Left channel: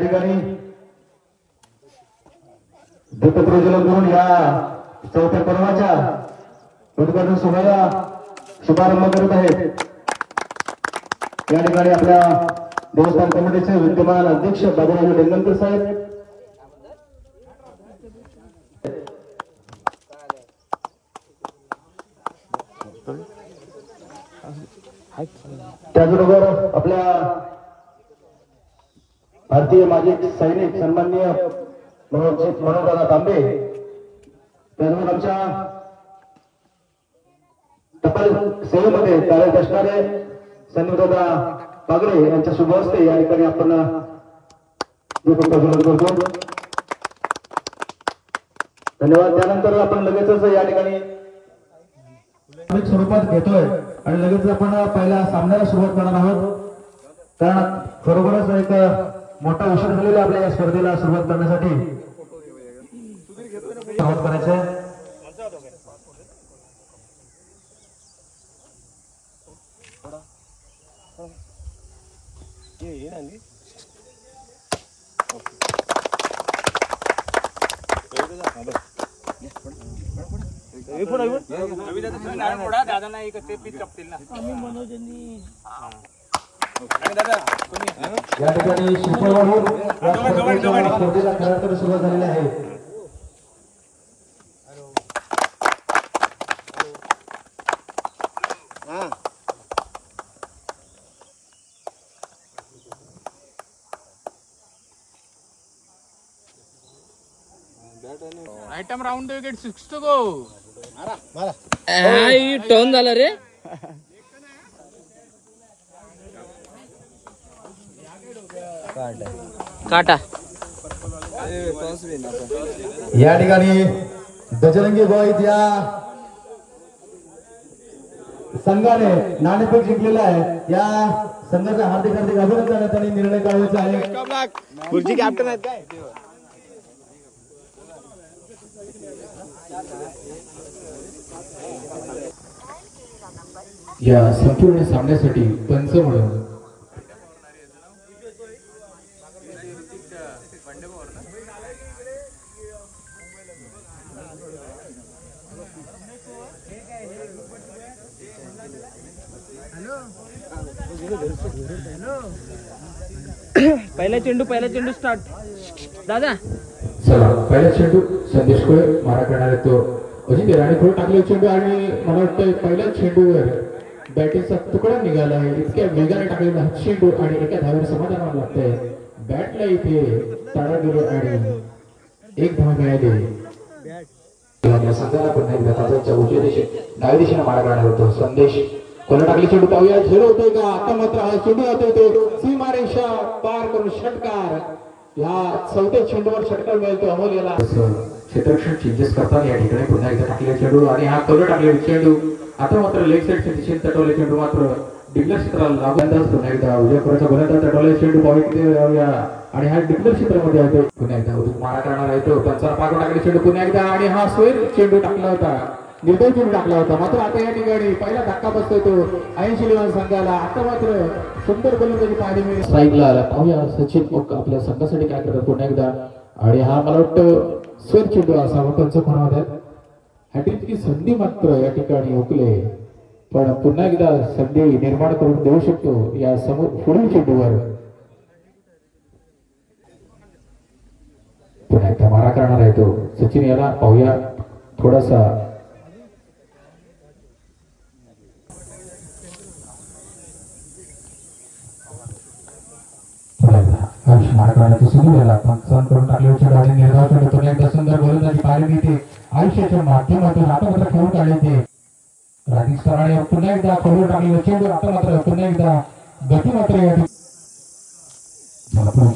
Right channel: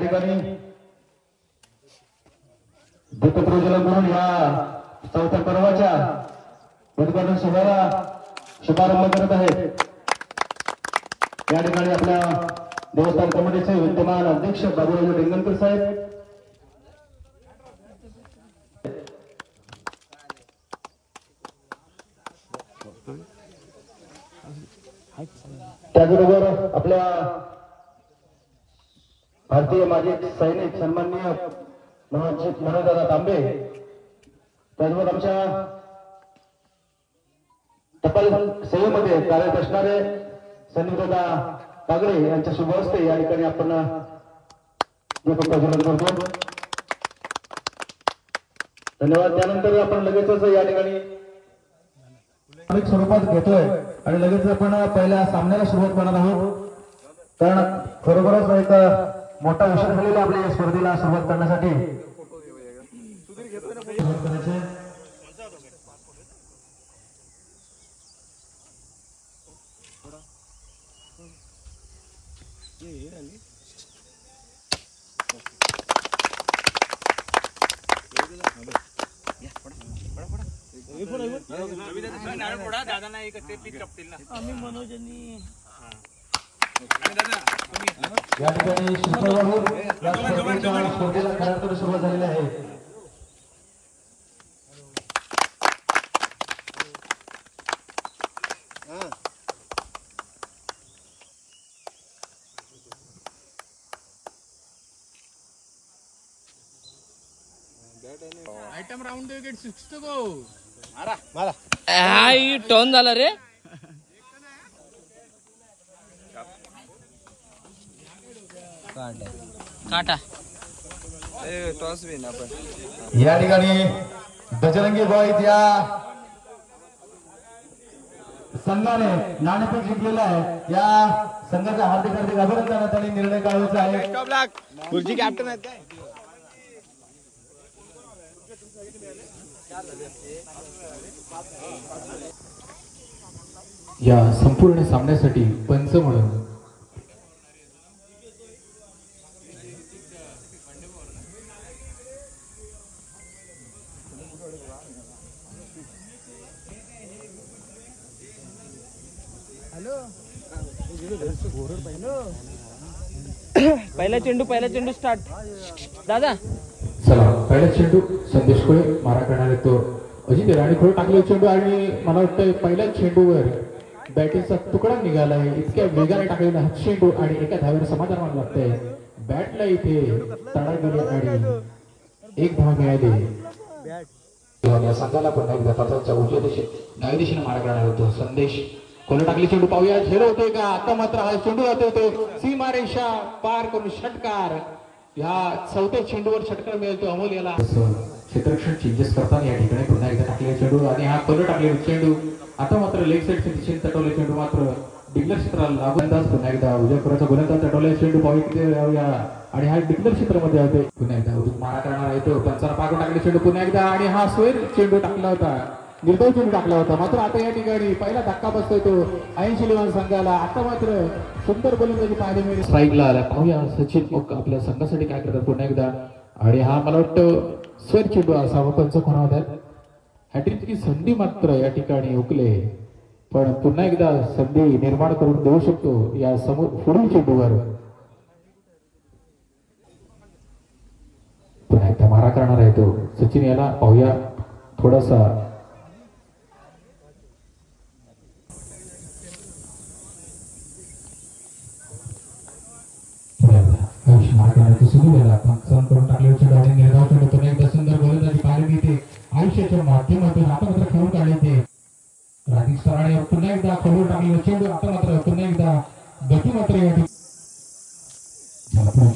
ठिकाणी दत्तप्रजला म्हणून या चौथ्या पर्वाच्या उद्घाटन सोहळ्याला शुभारंभ करत आहेत। या ठिकाणी आपल्या देवस्थान कमिटीचे विद्यमान अध्यक्ष बाबूराव डेंगणकर साहेब, त्याचबरोबर आपल्या भारतीय माजी सैनिक सन्माननीय मनोजदादा तांबे, त्याचबरोबर आमच्या टपाल सेवेमध्ये कार्यरत असणारे सन्नीदादा पागडे यांच्या शुभ हस्ते या ठिकाणी आपण दीपक प्रज्वलन करतो। धन्यवाद। त्यानंतर आपण लगेचच या ठिकाणी स्वरूपात घेतोय आणि लगेच आपण पहिल्या सामन्याला सुरुवात करणार आहोत, कारण खरोखरच एक मोठा विषय झालेला आपल्या या स्पर्धेला सुरुवात करण्यासाठी सुरुवात करायचं। या ठिकाणी शुक्रवार स्पर्धेला खरं सुरुवात झालेली आहे। Item round wicket 6 to go। High turn झाला रे। काटा या ठिकाणी बजरंगी बॉईज या संघाने नाणेफेक जिंकलेला आहे। या संघाचे हार्दिक हार्दिक अभिनंदन। त्यांनी निर्णय काढायचा आहे। खुर्ची कॅप्टन आहेत काय? या संपूर्ण सामन्यासाठी पंच म्हणून पहिला चेंडू स्टार्ट दादा। चला पहिला चेंडू संदेश खोळे मारा करणार तो अजिंक्य राणे खोळे टाकले चेंडू आणि मला वाटतं पहिल्याच चेंडूवर बॅटिंगचा तुकडा निघाला आहे। इतक्या वेगाने टाकलेला हा चेंडू आणि एका धावेवर समाधान मानलं लागतंय। बॅटला इथे तडा गेले आणि एक धाव मिळाली। संघाला पुन्हा एकदा त्याच्या उजव्या दिशेने डाव्या दिशेने मारा करणार होतो संदेश खोले टाकले चेंडू पाहूया झेरो होतोय का? आता मात्र हा चेंडू होतोय सीमारेषा पार करून षटकार। या चौथ्या चेंडूवर षटकार मिळतो अमोल याला। क्षेत्ररक्षण चेंजेस करताना या ठिकाणी पुन्हा एकदा टाकलेला चेंडू आणि हा खोले टाकलेला चेंडू आता मात्र लेग साईडच्या दिशेने तटवले चेंडू मात्र डिक्लेअर क्षेत्राला लागू पुन्हा एकदा उजव्या खोऱ्याचा गोलंदाज तटवले चेंडू पाहूया किती आणि हा डिक्लेअर क्षेत्रामध्ये होतो। पुन्हा एकदा मारा करणार आहे तो पंचाला पागून टाकले चेंडू पुन्हा एकदा आणि हा स्वेर चेंडू टाकला होता, निर्दय चेंडू टाकला होता। मात्र आता या ठिकाणी पहिला धक्का बसतोय तो 80 लिवान संघाला। आता मात्र सुंदर गोलंदाजी पाहायला मिळेल। स्ट्राईकला आला पाहूया सचिन आपल्या संघासाठी काय करतात पुन्हा एकदा आणि हा मला वाटतं स्वेर चेंडू असावा पंच होणार। हॅट्रिकची संधी मात्र या ठिकाणी हुकले, पण पुन्हा एकदा संधी निर्माण करून देऊ शकतो या समोर पुढील चेंडूवर। पुन्हा एकदा मारा करणार आहे तो सचिन याला पाहूया थोडासा पंचावन्न करून टाकले चेंडू आणि निर्धाव चेंडू पुन्हा एकदा सुंदर गोलंदाजी पाहायला मिळते आयुष्याच्या माध्यमातून। आता मात्र खेळून काढले ते राधिक सराणे पुन्हा एकदा खोलून टाकलेला चेंडू आता मात्र पुन्हा एकदा गती मात्र या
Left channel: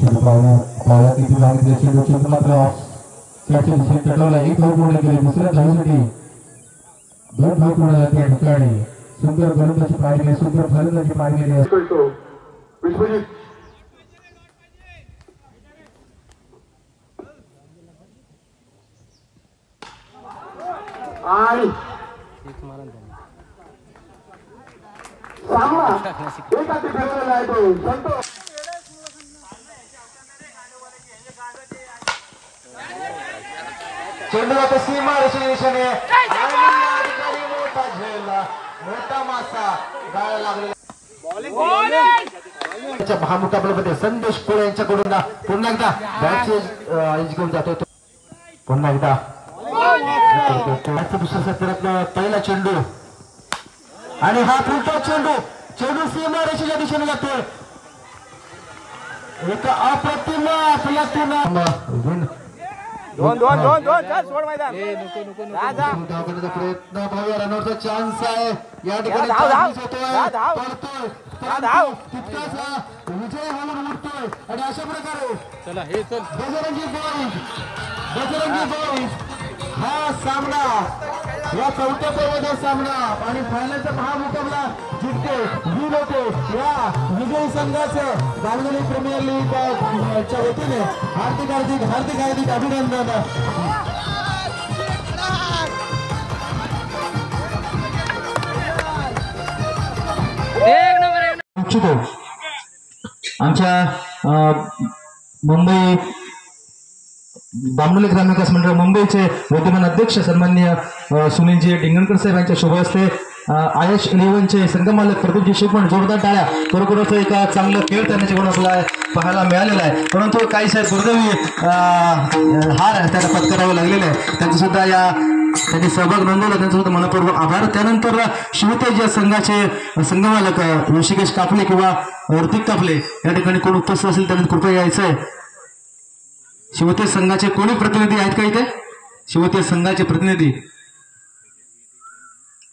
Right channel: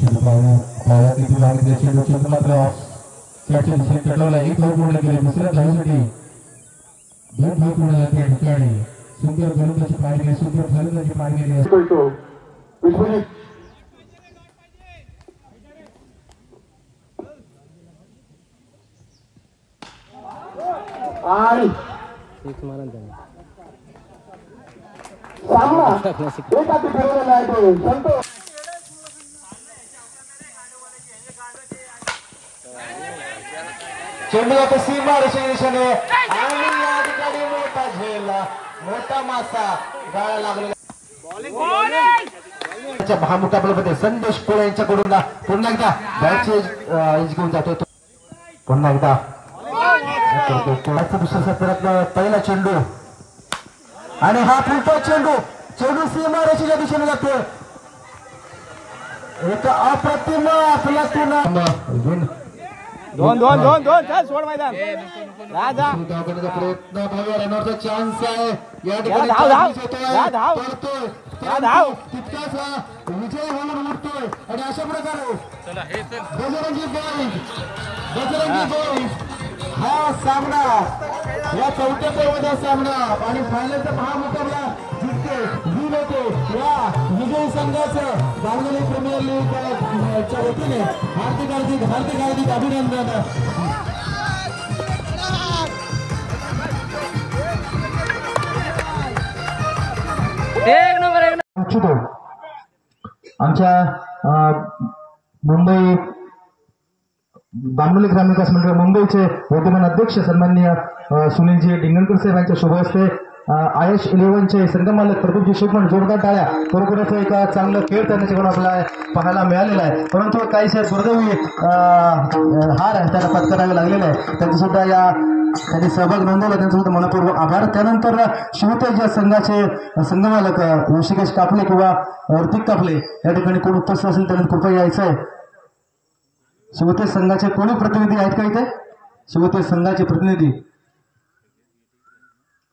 चेंडू पाहूया किती लावले चेंडू चेंडू मात्र त्याच्या दिशेने चढवला। एक धाव पूर्ण केले दुसऱ्या धावेसाठी 2 धाव पूर्ण झाले या ठिकाणी। सुंदर गोलंदाजी पाहिली सुंदर फलंदाजी पाहिली आणि सामना एकाची फिरवलेला आहे तो संतोष चेंडू जातो सीमा रेषेच्या दिशेने आणि या ठिकाणी मोठा झेल, मोठा मासा गाळा लागलेला महामुकाबल्यामध्ये संदेश कोळे यांच्याकडून पुन्हा एकदा बॅटची एज घेऊन जातोय तो पुन्हा एकदा दुसऱ्या सत्रातला पहिला चेंडू आणि हा फुलटॉ चेंडू सीमा रेषेच्या दिशेने जातोय. एक अप्रतिम अफलातून प्रयत्न भाव्या रनरचा चान्स आहे या ठिकाणी पडतोय तितकाच विजय होऊन उठतोय आणि अशा प्रकारे बजरंगी बॉईज हा सामना या चौथ्या पर्वाचा सामना आणि फायनलचा महामुकाबला जिंकते विन होते या विजयी संघाचं बांगली प्रीमियर लीगच्या वतीने हार्दिक अभिनंदन. आमच्या मुंबई बांबोली ग्रामीण विकास मंडळ मुंबईचे विद्यमान अध्यक्ष सन्माननीय सुनीलजी डिंगणकर साहेब यांच्या शुभ हस्ते आयश 11चे संघमालक प्रदीपजी शिवण जोरदार टाळ्या. खरोखरच एक चांगलं खेळ त्यांच्याकडून आपल्याला पाहायला मिळालेला आहे, परंतु काही साहेब दुर्दैवी हार त्याला पत्करावे लागलेले आहे. त्यांचं सुद्धा त्यांनी सहभाग नोंदवला, त्यांचा सुद्धा मनपूर्वक आभार. त्यानंतर शिवतेज या संघाचे संघमालक ऋषिकेश काफले किंवा ऋतिक काफले या ठिकाणी कोण उपस्थित असेल त्यांनी कृपया यायचं आहे. शिवतेज संघाचे कोणी प्रतिनिधी आहेत का इथे? शिवतेज संघाचे प्रतिनिधी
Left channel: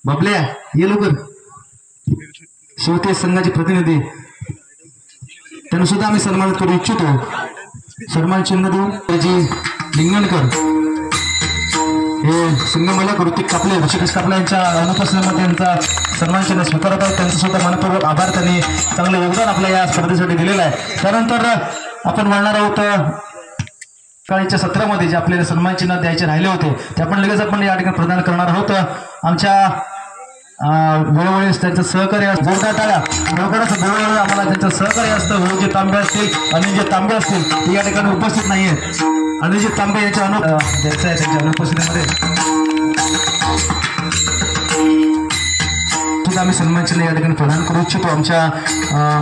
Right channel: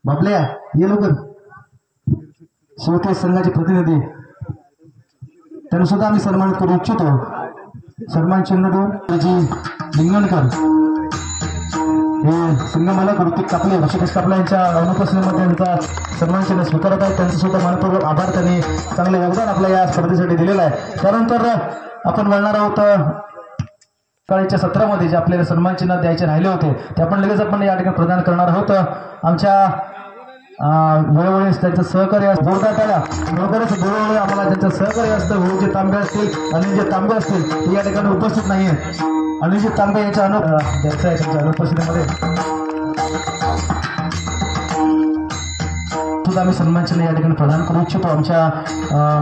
बाबल्या ये लवकर. शिवतेज संघाचे प्रतिनिधी त्यांना सुद्धा आम्ही सन्मानित करू इच्छितो. सन्मान चिन्ह देऊन जी लिंगणकर हे संघमालक ऋतिक कापले ऋषिकेश कापले यांच्या अनुपस्थितीमध्ये त्यांचा सन्मान चिन्ह स्वीकारत आहेत. त्यांचं सुद्धा मनपूर्वक आभार. त्यांनी चांगलं योगदान आपल्या या स्पर्धेसाठी दिलेलं आहे. त्यानंतर आपण वळणार आहोत काळीच्या सत्रामध्ये जे आपल्याला सन्मान चिन्ह द्यायचे राहिले होते ते आपण लगेच आपण या ठिकाणी प्रदान करणार आहोत. आमच्या वेळोवेळी त्यांचं सहकार्य जोरदार टाळ्या. खरोखरच वेळोवेळी आम्हाला त्यांचं सहकार्य असतं. जे तांबे असतील आणि जे तांबे असतील ते या ठिकाणी उपस्थित नाही आहेत. आणि जे तांबे याच्या द्यायचं आहे त्यांच्या अनुपस्थितीमध्ये सुद्धा आम्ही सन्मान चिन्ह या ठिकाणी प्रदान करू इच्छितो. आमच्या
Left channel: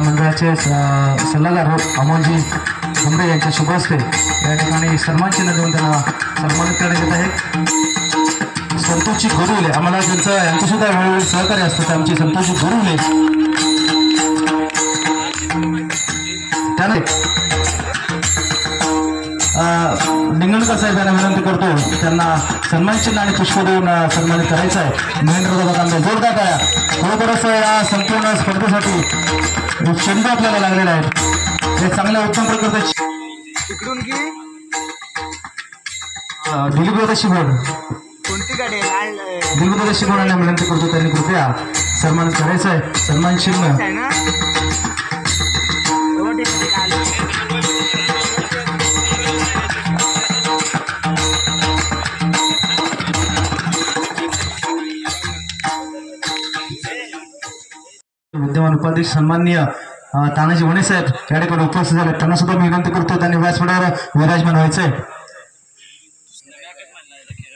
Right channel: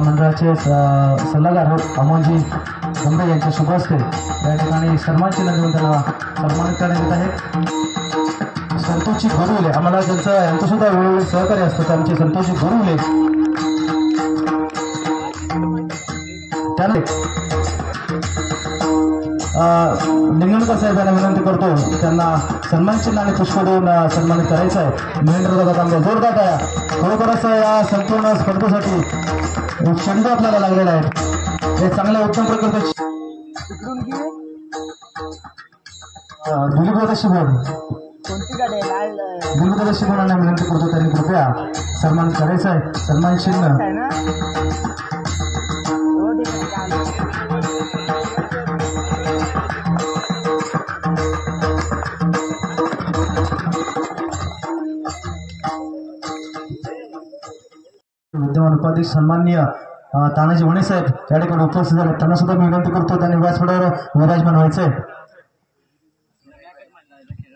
मंडळाचे सल्लागार अमोलजी गंभीर यांच्या शुभ हस्ते या ठिकाणी सन्मान चिन्ह देऊन त्यांना सन्मानित करण्यात येत आहे. संतोषजी गुरुले आम्हाला यांचं सुद्धा वेळोवेळी सहकार्य असतं. आमचे संतोषजी गुरुले त्याने लिंगणकर साहेब यांना विनंती करतो त्यांना सन्मान चिन्ह आणि पुष्प देऊन सन्मानित करायचं आहे. महेंद्रदादा तांबे जोरदार टाळ्या. खरोखरच या संपूर्ण स्पर्धेसाठी चेंडू आपल्याला लागलेला आहे. हे चांगल्या उत्तम प्रकारचे दिलीपदादा शिवण दिलीपदादा शिवणाला विनंती करतो त्यांनी कृपया सन्मान करायचं आहे. सन्मान चिन्ह विद्यमान उपाध्यक्ष सन्माननीय तानाजी वणे साहेब या ठिकाणी उपस्थित झाले. त्यांना सुद्धा मी विनंती करतो त्यांनी व्यासपीठावर विराजमान व्हायचंय.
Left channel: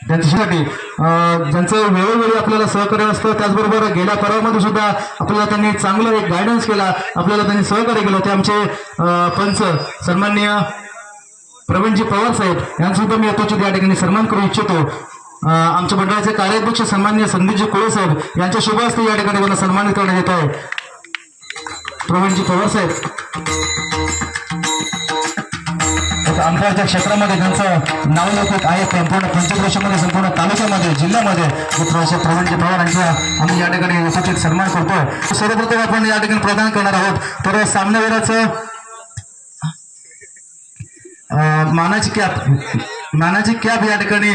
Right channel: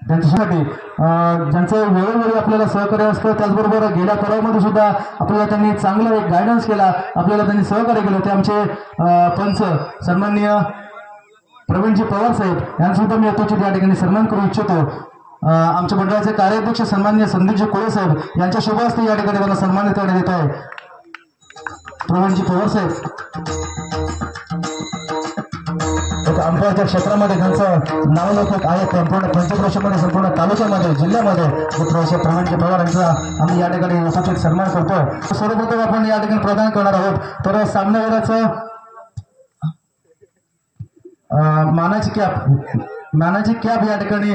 त्यांच्यासाठी ज्यांचं वेळोवेळी आपल्याला सहकार्य असतं. त्याचबरोबर गेल्या पर्वामध्ये सुद्धा आपल्याला त्यांनी चांगलं एक गायडन्स केला, आपल्याला त्यांनी सहकार्य केलं. ते आमचे पंच सन्माननीय प्रवीणजी पवार साहेब यांना सुद्धा मी यथोचित या ठिकाणी सन्मान करू इच्छितो. आमच्या मंडळाचे कार्याध्यक्ष सन्माननीय संदीपजी कोळे साहेब यांच्या शुभ हस्ते या ठिकाणी मला सन्मानित करण्यात येत आहे. प्रवीणजी पवार साहेब अंतराच्या क्षेत्रामध्ये त्यांचं नाव लौकिक आहे. संपूर्ण पंचक्रोशीमध्ये संपूर्ण तालुक्यामध्ये जिल्ह्यामध्ये प्रवीणजी पवार यांचा आम्ही या ठिकाणी यथोचित सन्मान करतोय. सर्वप्रथम आपण या ठिकाणी प्रदान करणार आहोत तर सामन्यावरचं मानाची कॅप या ठिकाणी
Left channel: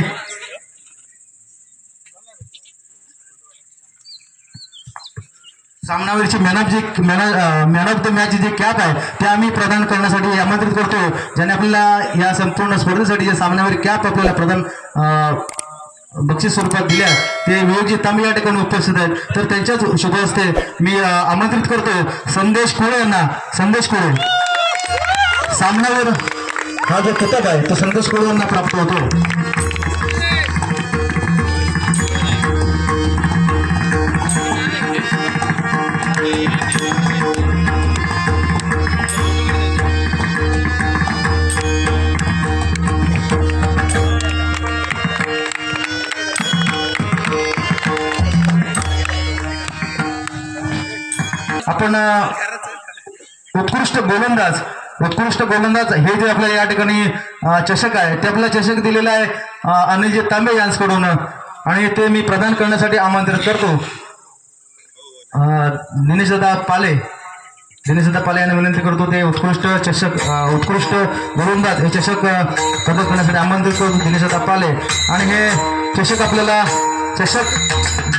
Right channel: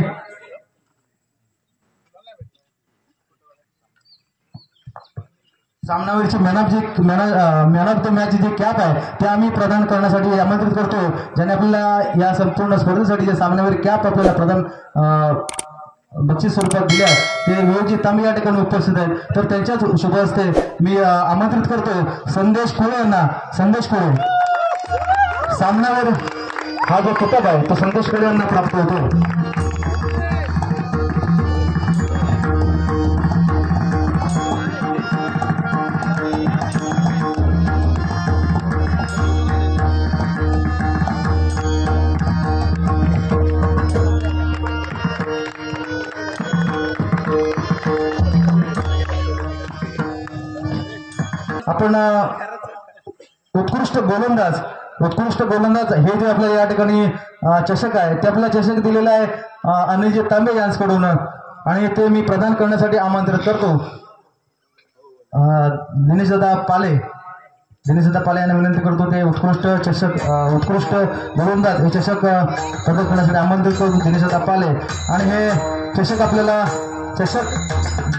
सामनावरची मॅन ऑफ द मॅच जे कॅप आहे ते आम्ही प्रदान करण्यासाठी आमंत्रित करतो. ज्याने आपल्याला या संपूर्ण स्पर्धेसाठी जे सामन्यावर कॅप आपल्याला प्रदान बक्षीस स्वरूपात दिल्या ते विवेकजी तांबे या ठिकाणी उपस्थित आहेत. तर त्यांच्याच शुभ हस्ते मी आमंत्रित करतो संदेश कोळे यांना. संदेश कोळे सामन्यावर हा जो किताब आहे तो संदेश कोळे यांना प्राप्त होतो. उत्कृष्ट गोलंदाज हे जे आपल्याला या ठिकाणी चषक आहे ते आपल्याला चषक दिलेला आहे अनिलजी तांबे यांच्याकडून आणि ते मी प्रदान करण्यासाठी आमंत्रित करतो दिनेशदादा पाले यांना विनंती करतो ते उत्कृष्ट गोलंदाज हे चषक प्रदान करण्यासाठी आमंत्रित करतो दिनेशदादा पाले आणि हे चषक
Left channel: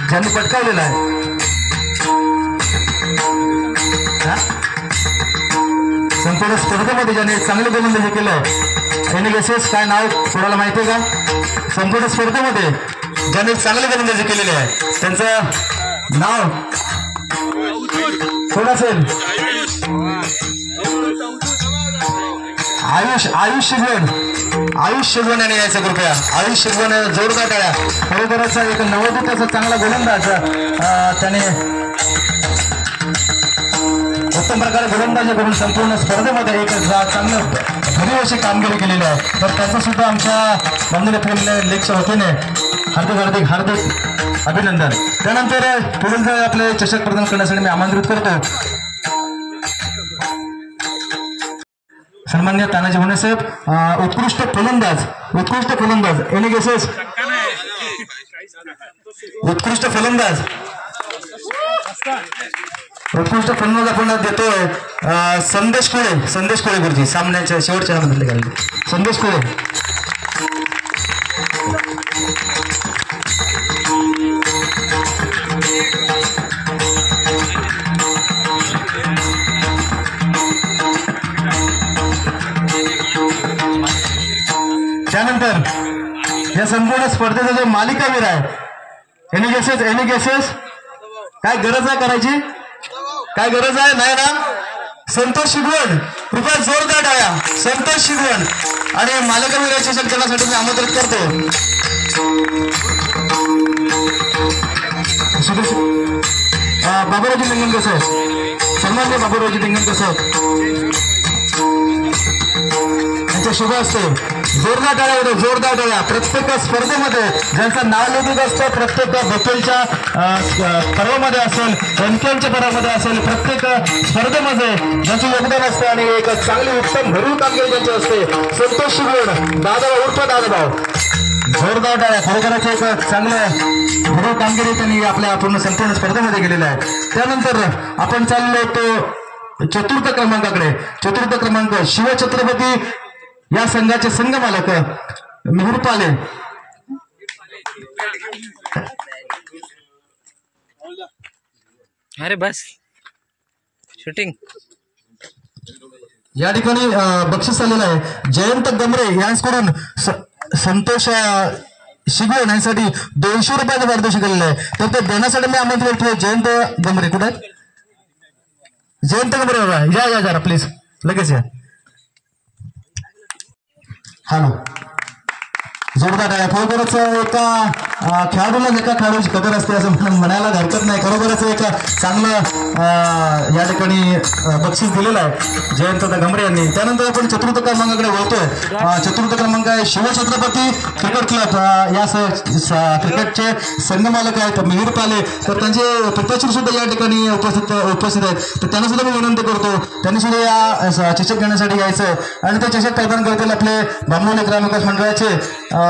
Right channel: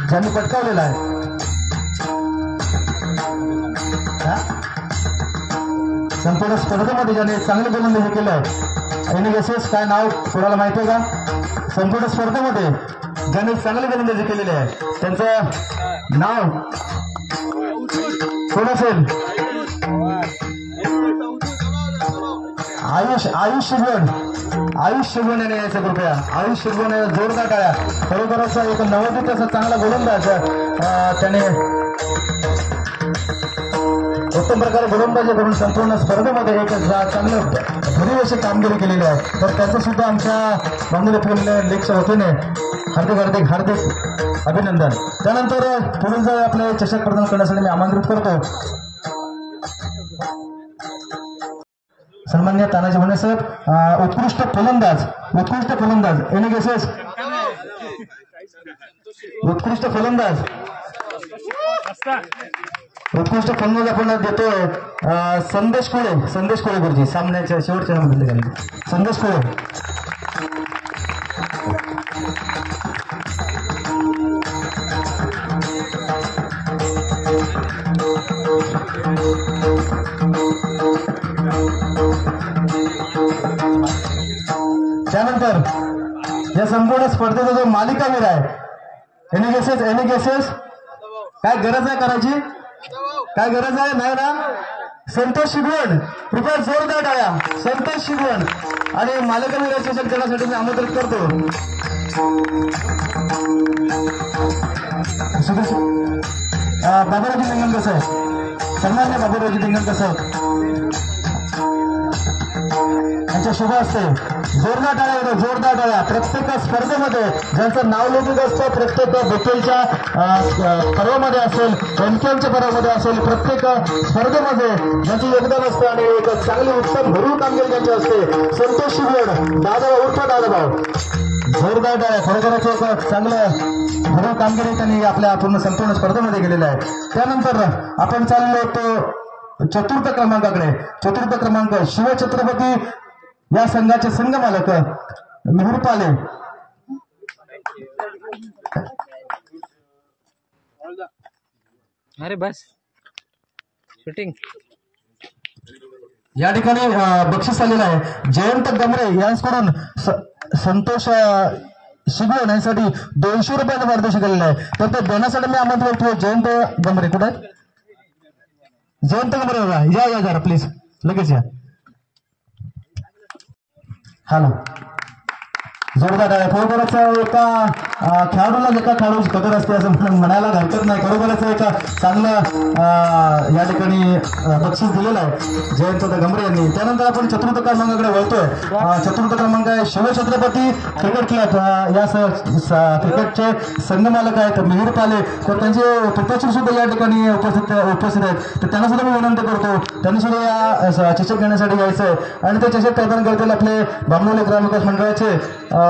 ज्यांनी पटकावलेला आहे संपूर्ण स्पर्धेमध्ये ज्याने चांगले गोलंदाजी केलं एनएसएस काय नाव कोणाला माहिती आहे का? संपूर्ण स्पर्धेमध्ये ज्यांनी चांगले गोलंदाजी केलेली आहे त्यांचं नाव कोण असेल? आयुष शिगवण याने यायचं कृपया. आयुष शिगवण जोरदार टाळ्या. खरोखरचा एक नवोदित चांगला गोलंदाज त्याने उत्तम प्रकारे गोलंदाजी करून संपूर्ण स्पर्धेमध्ये एक चांगलं भरीव अशी कामगिरी केलेली आहे. तर त्याचं सुद्धा आमच्या बांधलेल्या लेखच्या वतीने हार्दिक अभिनंदन. त्यानंतर पुढील आपले चषक प्रदान करण्यासाठी मी आमंत्रित करतो सन्मान्य तानाजी भोणे साहेब. उत्कृष्ट फलंदाज एनएसएस उत्कृष्ट फलंदाज आपण देतोय संदेश कोळे गुरुजी. सामन्याच्या शेवटच्या संदेश कोळे. त्यानंतर या संपूर्ण स्पर्धेचा जो मालिकावीर आहे एनएसएस काय गरज आहे करायची? काय गरज आहे? नाही ना? संतोष शिगवण कृपया जोरदार टाळ्या. संतोष शिगवण आणि मालिकावीर चषक देण्यासाठी मी आमंत्रित करतो. बाबूरावजी लिंगणकर साहेब. सन्मान्य बाबूरावजी लिंगणकर साहेब यांच्या शुभ असते. जोरदार टाळ्या. प्रत्येक स्पर्धेमध्ये ज्यांचं नाव लौकिक असतं प्रत्येक बपेलच्या पर्वामध्ये असेल रंकेलच्या पर्वामध्ये असेल प्रत्येक स्पर्धेमध्ये ज्यांचं योगदान असतं आणि एक चांगली उत्तम भरीव कामगिरी त्यांची असते. संतोष शिगवण दादाभाऊ उर्फ दादाभाऊ. जोरदार टाळ्या. खरोखरच एक चांगलं भरीव कामगिरी त्यांनी आपल्या पूर्ण संपूर्ण स्पर्धेमध्ये केलेलं आहे. त्यानंतर आपण चाललो तो चतुर्थ क्रमांक शिवछत्रपती या संघाचे संघ मालक मिहिर पाले. अरे बस शूटिंग या ठिकाणी बक्षीस आलेलं आहे. जयंत गमरे यांच्याकडून संतोष शिगवण यांसाठी 200 रुपयाचं पारितोषिक आलेलं आहे. तर ते देण्यासाठी मी आमंत्रित करतो जयंत गमरे. कुठे जयंत गमरे बाबा या जरा प्लीज लगेच या. हॅलो. जोरदार आहे. खरोखरच एका खेळाडूची कदर असते असं म्हणायला हरकत नाही. खरोखरच एक चांगलं या ठिकाणी बक्षीस दिलेलं आहे जयंत गमरे यांनी. त्यानंतर आपण चतुर्थ क्रमांकाकडे वळतोय. चतुर्थ क्रमांक आहे शिवछत्रपती क्रिकेट क्लब. या क्रिकेटचे संघ मालक आहेत मिहिर पाले. तर त्यांचे पिताश्री सुद्धा या ठिकाणी उपस्थित आहेत. तर त्यांना सुद्धा मी विनंती करतो त्यांनी सुद्धा या चषक घेण्यासाठी यायचं आणि ते चषक प्रदान करतील आपले बामणोली ग्रामविकास मंडळाचे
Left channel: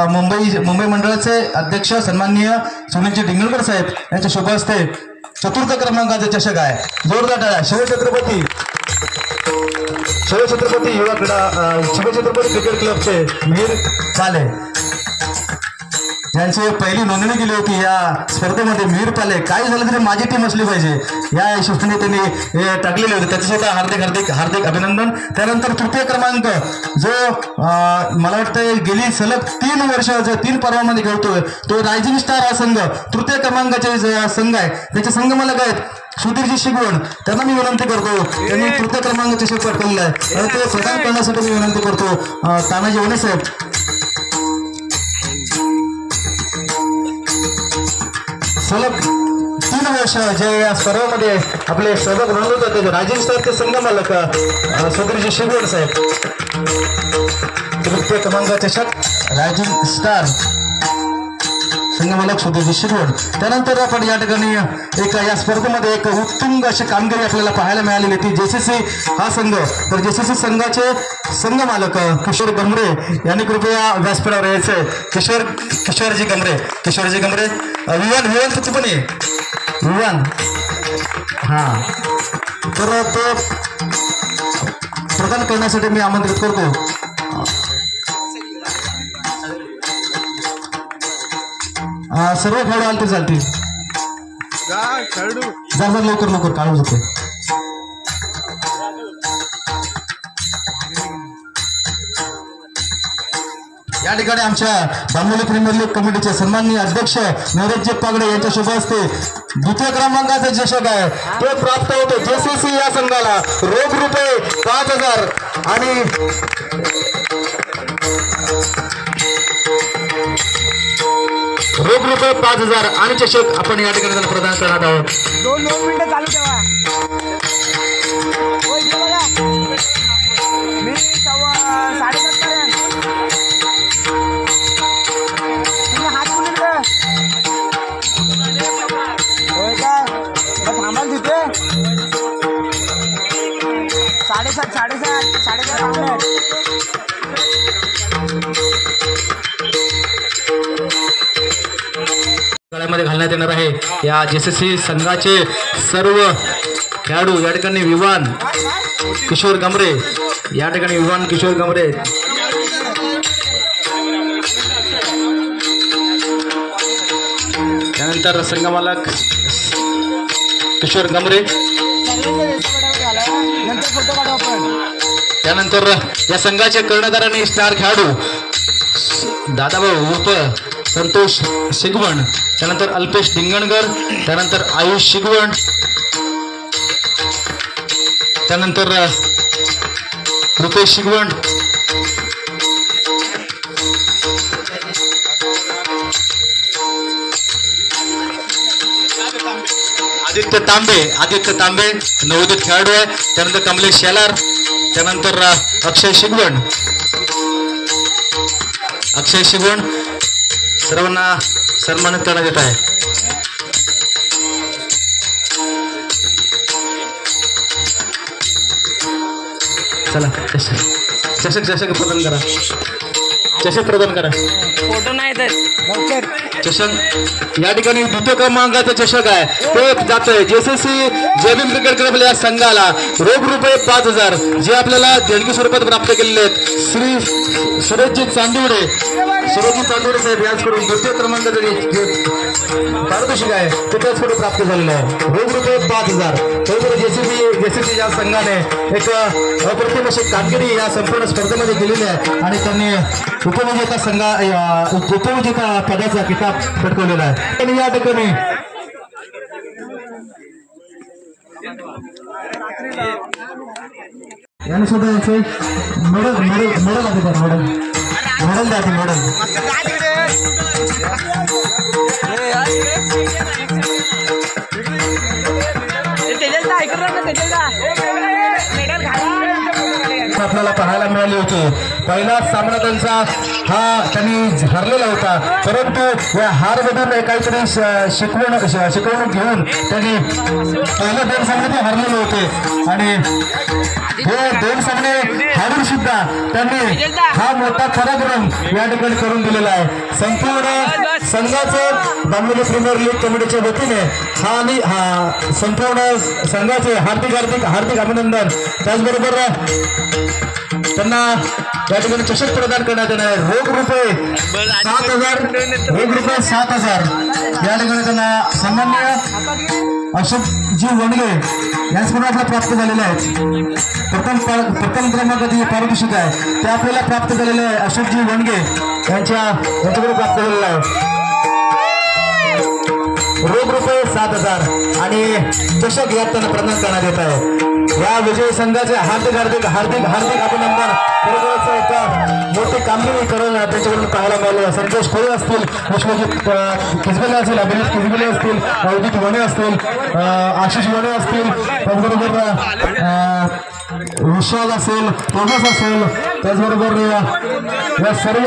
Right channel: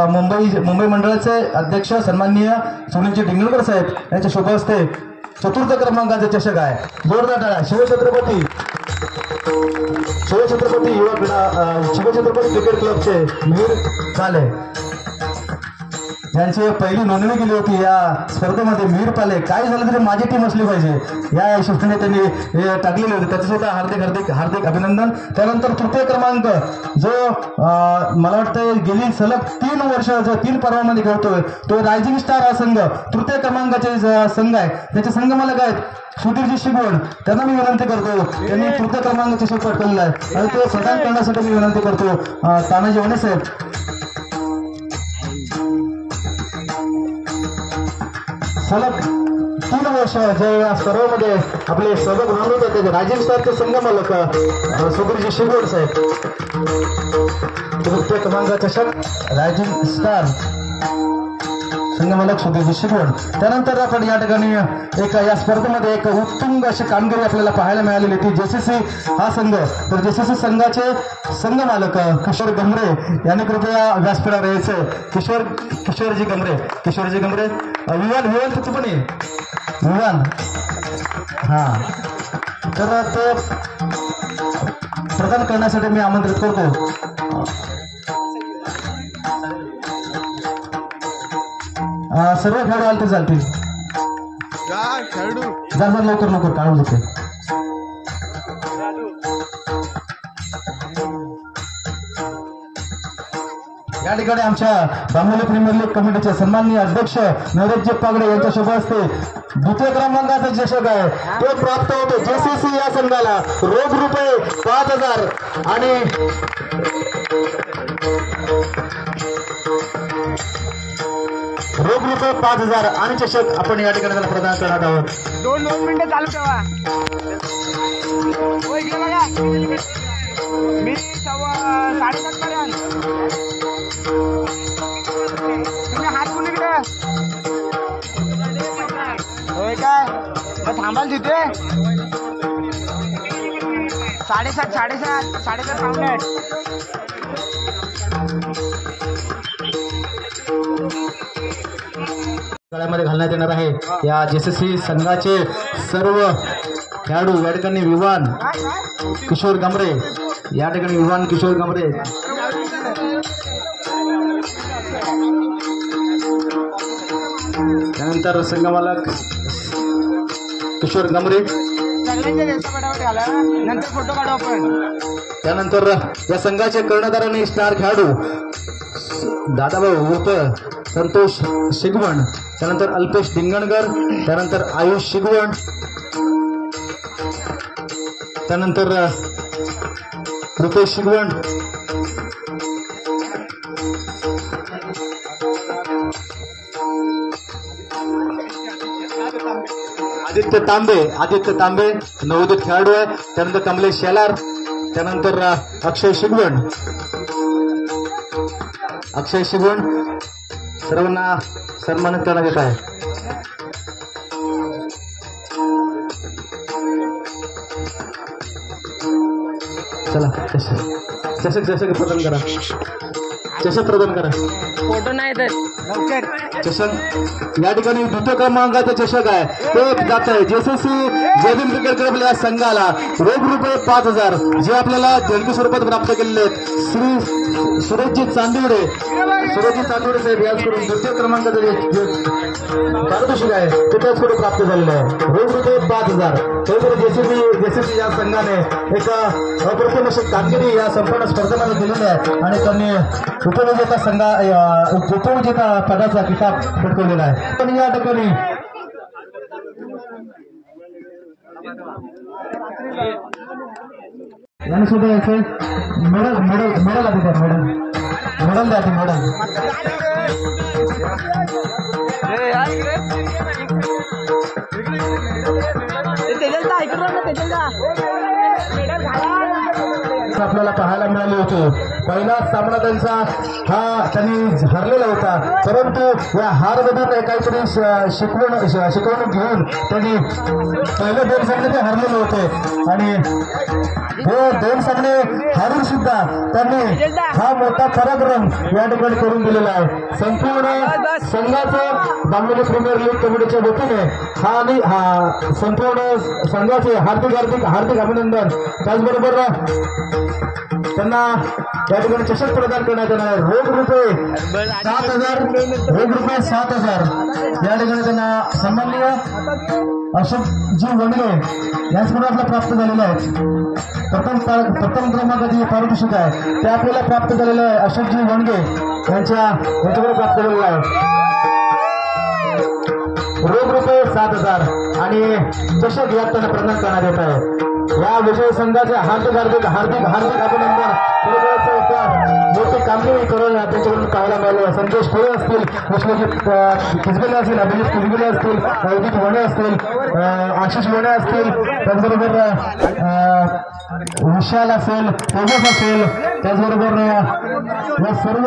मुंबई मंडळाचे अध्यक्ष सन्माननीय सुनीलजी डिंगळकर साहेब यांच्या शुभ हस्ते चतुर्थ क्रमांकाचे चषक आहे. जोरदार टाळ्या. शिवछत्रपती क्रिकेट क्लबचे मिहिर पाले ज्यांची पहिली नोंदणी केली होती या स्पर्धेमध्ये. मिहिर पाले काय झालं तरी माझी टीम असली पाहिजे या हिशोबाने त्यांनी हे टाकलेले होते. त्याचं सुद्धा हार्दिक अभिनंदन. त्यानंतर तृतीय क्रमांक जो मला वाटतं गेली सलग 3 वर्ष जो 3 पर्वामध्ये खेळतोय तो रायझिंग स्टार हा संघ तृतीय क्रमांकाचे संघ आहे. त्याचे संघ मालक आहेत सुधीरजी शिगवण. त्यांना मी विनंती करतो त्यांनी तृतीय क्रमांकाचे चषक पटकवलेलं आहे आणि ते प्रदान करण्यासाठी मी विनंती करतो तानाजी भोणे साहेब. सलग 3 वर्ष जे या स्पर्धेमध्ये आपले सहभाग नोंदवत होते रायझिंग स्टारचे संघ मालक सुधीरजी शिगवण साहेब. तृतीय क्रमांकाचे चषक रायझिंग स्टार संघमालक सुधीरजी शिकवण. त्यानंतर आपण या ठिकाणी एक या स्पर्धेमध्ये एक उत्तुंग अशी कामगिरी आपल्याला पाहायला मिळालेली ती जेसीसी हा संघ. तर जेसीसी संघाचे संघमालक किशोर गमरे यांनी कृपया व्यासपीठावर यायचंय. किशोरजी गमरे विवान किती पण आहे विवान. हा तर तो प्रदान करण्यासाठी मी आमंत्रित करतो. सर्व खेळाडू आले तर चालतील. जर लवकर काढून जाते. या ठिकाणी आमच्या बांबोली प्रीमियर लीग कमिटीचे सन्माननीय अध्यक्ष नरेशजी पागडे यांच्या शुभ हस्ते द्वितीय क्रमांकाचे चषक आहे ते प्राप्त होते जेसीसी या संघाला. रोख रुपये 5,000 आणि रोख रुपये 5,000 आणि चषक आपण या ठिकाणी त्यांना प्रदान करणार आहोत. 2 मिनिटं चालू ठेवा. मी 7:30 पर्यंत हात कुणीकडे होय का थांबाल तिथे 7:30 गळ्यामध्ये घालण्यात येणार आहे. या जेसीसी संघाचे सर्व खेळाडू या ठिकाणी विवान किशोर गमरे त्यानंतर संघमालक किशोर गमरे. त्यानंतर या संघाचे कर्णधार आणि स्टार खेळाडू दादाभाऊ उर्फ संतोष शिगवण. त्यानंतर अल्पेश धिंगणकर. त्यानंतर आयुष शिगवण. त्यानंतर रुपेश शिगवण. आदित्य तांबे नवोदित खेळाडू आहे. त्यानंतर कमलेश शेलार. त्यानंतर अक्षय शिगवण. सर्वांना सन्मानित करण्यात येत आहे. चला चषक प्रदान करा. फोटो नाही तर चषक या ठिकाणी द्वितीय क्रमांकाचं चषक आहे ते जात आहे जेसीसी जयभीम क्रिकेट क्लब या संघाला. रोख रुपये 5,000 जे आपल्याला देणगी स्वरूपात प्राप्त केलेले आहेत. श्री सुरेशजी चांदुडे साहेब याचकडून द्वितीय क्रमांकाचं पारितोषिक आहे ते त्याचकडे प्राप्त झालेलं आहे. रोख रुपये 5,000. तरी जेसीसी या संघाने एक अप्रतिम अशी कामगिरी या संपूर्ण स्पर्धेमध्ये केलेली आहे आणि त्यांनी उपविजेता पदाचा किताब पटकवलेला आहे. पण या ठिकाणी यांनी सुद्धा याचे मेडल द्या. आपल्याला पाहायला मिळाले होते. पहिला सामना त्यांनी हरलेला होता परंतु या हारमधून काहीतरी शिकवणूक घेऊन त्यांनी पहिले 2 सामने ते हरलेले होते आणि हे 2 सामने हारून सुद्धा त्यांनी हा मोठा पराक्रम या ठिकाणी करून दिलेला आहे. संपूर्ण संघाचं बांबोली प्रीमियर लीग कमिटीच्या वतीने हा संपूर्ण संघाचे हार्दिक अभिनंदन. त्याचबरोबर त्यांना या ठिकाणी चषक प्रदान करण्यात येणार आहे. रोख रुपये 7,000 या ठिकाणी त्यांना सन्माननीय अशोकजी वणगे यांच्याकडून आपल्याला प्राप्त झालेले आहेत. प्रथम क्रमांकाचे पारितोषिक आहे ते आपल्याला प्राप्त झालेलं आहे. अशोकजी वणगे यांच्याकडे प्राप्त झालेलं आहे. रोख रुपये 7,000 आणि चषक यात त्यांना प्रदान करण्यात येत आहे. या विजयी संघाचे हार्दिक अभिनंदन. मोठी कामगिरी करून त्यांच्याकडून पाहायला मिळालं. संतोष खोळे असतील, विश्वजित खिजबेले असतील, अभिजित खिजबेले असतील, अवजित वणे असतील, आशिष वणे असतील, त्याचबरोबर विशाल असेल, तेजस असेल, त्याचबरोबर या सर्व